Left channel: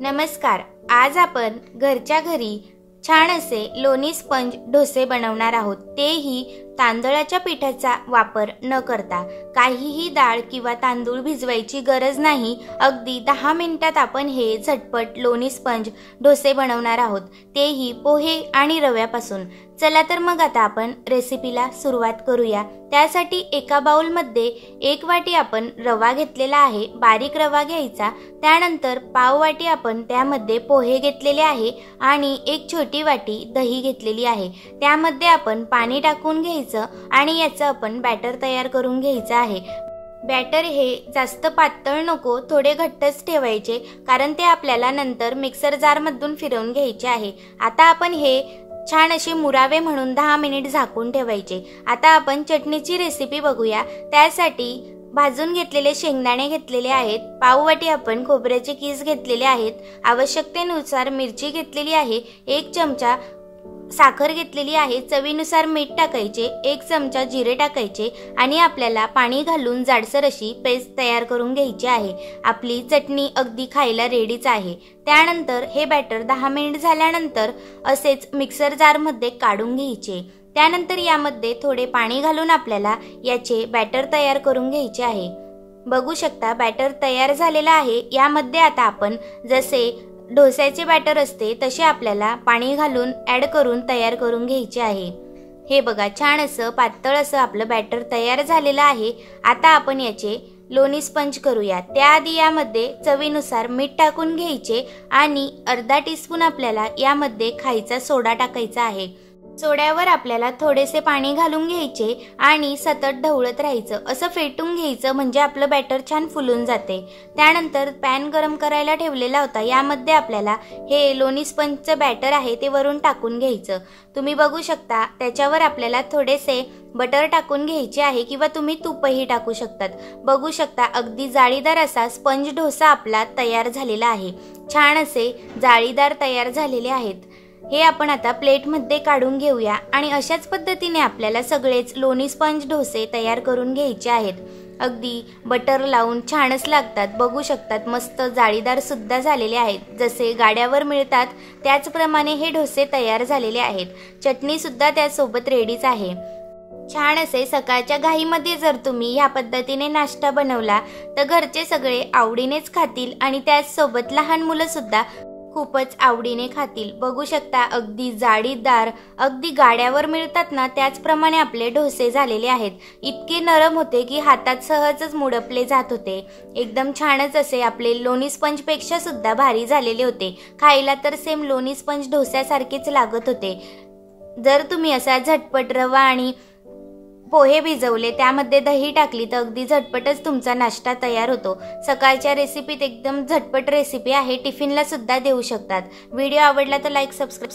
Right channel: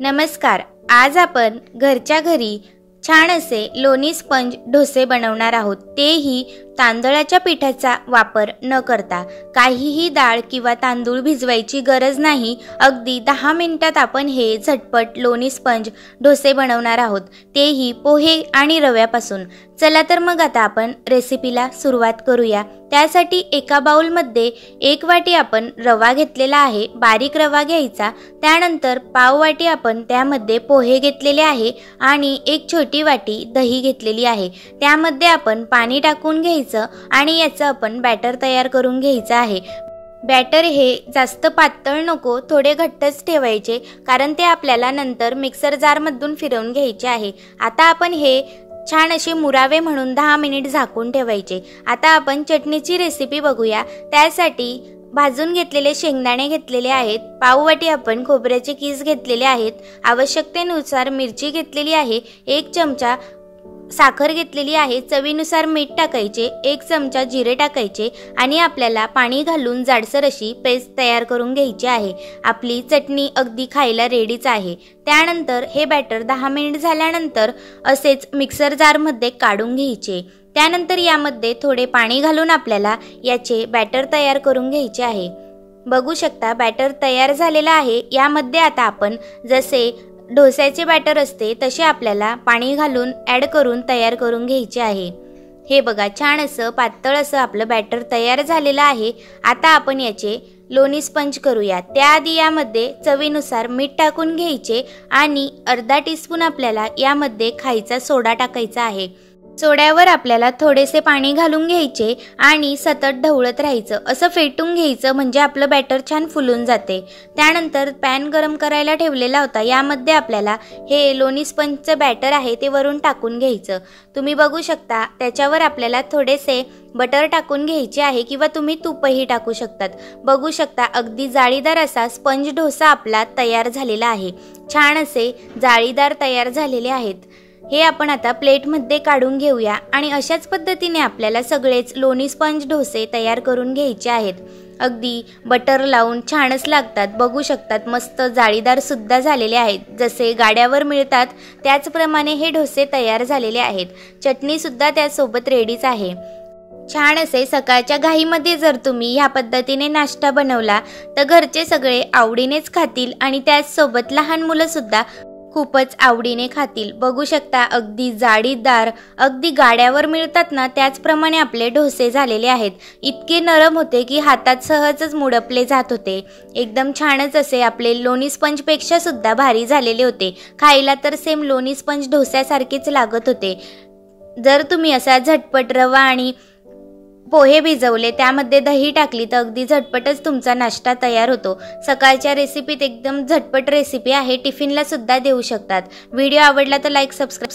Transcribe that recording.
नमस्कार। आज आपण घरच्या घरी छान असे लोणी स्पंज डोसे बनवणार आहोत, तेही तांदळाच्या पिठाचा वापर न करता। काहीही डाळ किंवा तांदूळ भिजवायची गरज नाही। अगदी 10 मिनिटात आपण हे झटपट लोणी स्पंज डोसे बनवणार आहोत, तेही पोहे आणि रव्यापासून। चला तर मग आता आपण रेसिपीला सुरुवात करूया। त्यासाठी एका बाउल मध्ये 1 वाटी आपण रवा घेतलेला आहे, बारीक रवा घ्यायचा। त्यानंतर पाव वाटी आपण त्यामध्ये पोहे घेतलेले आहे आणि 1 छोटी वाटी दही घेतलेली आहे। त्यामध्ये आपण पाणी टाकून घ्यायचं आणि याचं आपण बॅटर तयार करून घ्यायचं आहे। बॅटर हे जास्त पातळ नको, थोडे घट्टच ठेवायचे, कारण ते आपल्याला नंतर मिक्सर जार मधून फिरवून घ्यायचे आहे। आता आपण हे छान असे मुरावे म्हणून 10 मिनिट झाकून ठेवायचे। आता आपण चटणीची रेसिपी बघूया। त्यासाठी भाजून घेतलेले शेंगदाणे घेतलेले आहेत, पाव वाटी आपण खोबऱ्याचे कीस घेतलेले आहेत, आवश्यकतेनुसार मिरची घेतलेली आहे, 1 चमचा साखर घेतलेली आहे, चवीनुसार मीठ टाकायचे, 1 चमचा जिरे टाकायचे आणि आपल्याला पाणी घालून जाडसर अशी पेस्ट तयार करून घ्यायची आहे। आपली चटणी अगदी खायला रेडीच आहे। त्यानंतर हे बॅटर 10 मिनिट झाल्यानंतर असेच मिक्सर जार मध्ये काढून घ्यायचे। त्यानंतर यामध्ये थोडे पाणी घालून आपल्याला याचे बॅटर तयार करून घ्यायचे आहे। बघू शकता बॅटर तयार झालेला आहे। यामध्ये आता आपण जसे डोस्याचे बॅटर असते तसे आपल्याला पाणी घालून ऍड करून तयार करून घ्यायचे आहे। हे बघा, छान असं पातळ असं आपलं बॅटर तयार झालेलं आहे। आता आपण याचे लोणी स्पंज करूया। त्याआधी यामध्ये चवीनुसार मीठ टाकून घ्यायचे आणि अर्धा टीस्पून आपल्याला यामध्ये खायचा सोडा टाकायचा आहे। सोड्यावर आपल्याला थोडेसे पाणी घालून घ्यायचे आणि सतत ढवळत राहायचं, असं फेटून घ्यायचं, म्हणजे आपलं बॅटर छान फुलून जाते। त्यानंतर पॅन गरम करायला ठेवलेला होता, यामध्ये आपल्याला हे लोणी स्पंजचं बॅटर आहे ते वरून टाकून घ्यायचं। तुम्ही बघू शकता त्याच्यावर आपल्याला थोडेसे बटर टाकून घ्यायचे आहे किंवा तुम्ही तूपही टाकू शकतात। बघू शकता अगदी जाळीदार असा स्पंज डोसा आपला तयार झालेला आहे। छान असे जाळीदार तयार झालेले आहेत। हे आपण आता प्लेट मध्ये काढून घेऊया आणि अशाच पद्धतीने आपल्याला सगळेच लोणी स्पंज डोसे तयार करून घ्यायचे आहेत। अगदी बटर लावून छानच लागतात। बघू शकतात मस्त जाळीदार सुद्धा झालेले आहेत, जसे गाड्यावर मिळतात त्याचप्रमाणे हे डोसे तयार झालेले आहेत। चटणी सुद्धा त्यासोबत रेडीच आहे। छान असे सकाळच्या घाईमध्ये जर तुम्ही ह्या पद्धतीने नाश्ता बनवला तर घरचे सगळे आवडीनेच खातील आणि त्याचसोबत लहान मुलं सुद्धा खूपच आवडीने खातील। बघू शकता अगदी जाळीदार, अगदी गाड्यावर मिळतात ना त्याचप्रमाणे आपले डोसे झालेले आहेत। इतके नरम होते की हातात सहजच मुडपले जात होते। एकदम छानच असे आपले लोणी स्पंज पेक्षा सुद्धा भारी झालेले होते। खायला तर सेम लोणी स्पंज डोस्यासारखेच लागत होते। जर तुम्ही असा झटपट रवा आणि पोहे भिजवले, त्यामध्ये दही टाकली तर अगदी झटपटच तुमचा नाश्ता तयार होतो। सकाळच्या रेसिपीत एकदम झटपट रेसिपी आहे, टिफिनला सुद्धा देऊ शकतात। व्हिडिओ आवडला तर लाईक, सबस्क्राईब